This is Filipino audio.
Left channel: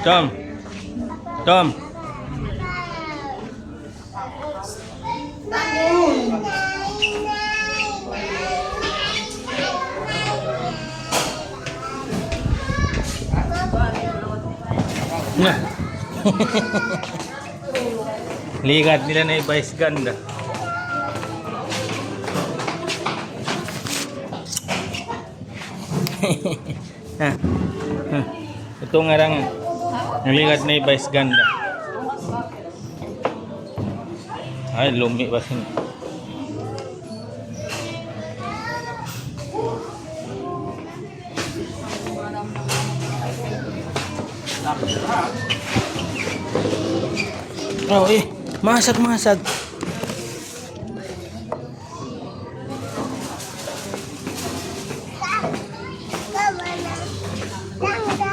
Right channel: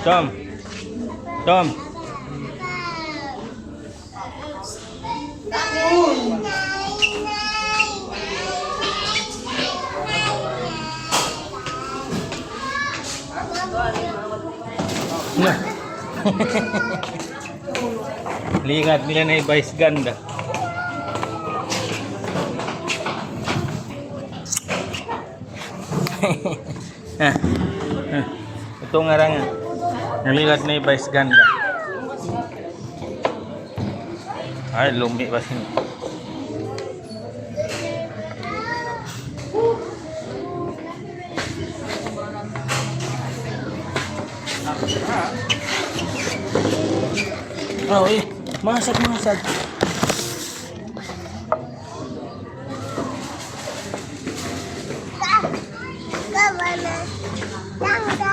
Tom. Tom. Ligat nila na i-vice ganda. ha. Ito nga lang. Naligat ni Vice Ganda. Ay, lumi ba siya? Oh, eh. Masad, masad. Come on.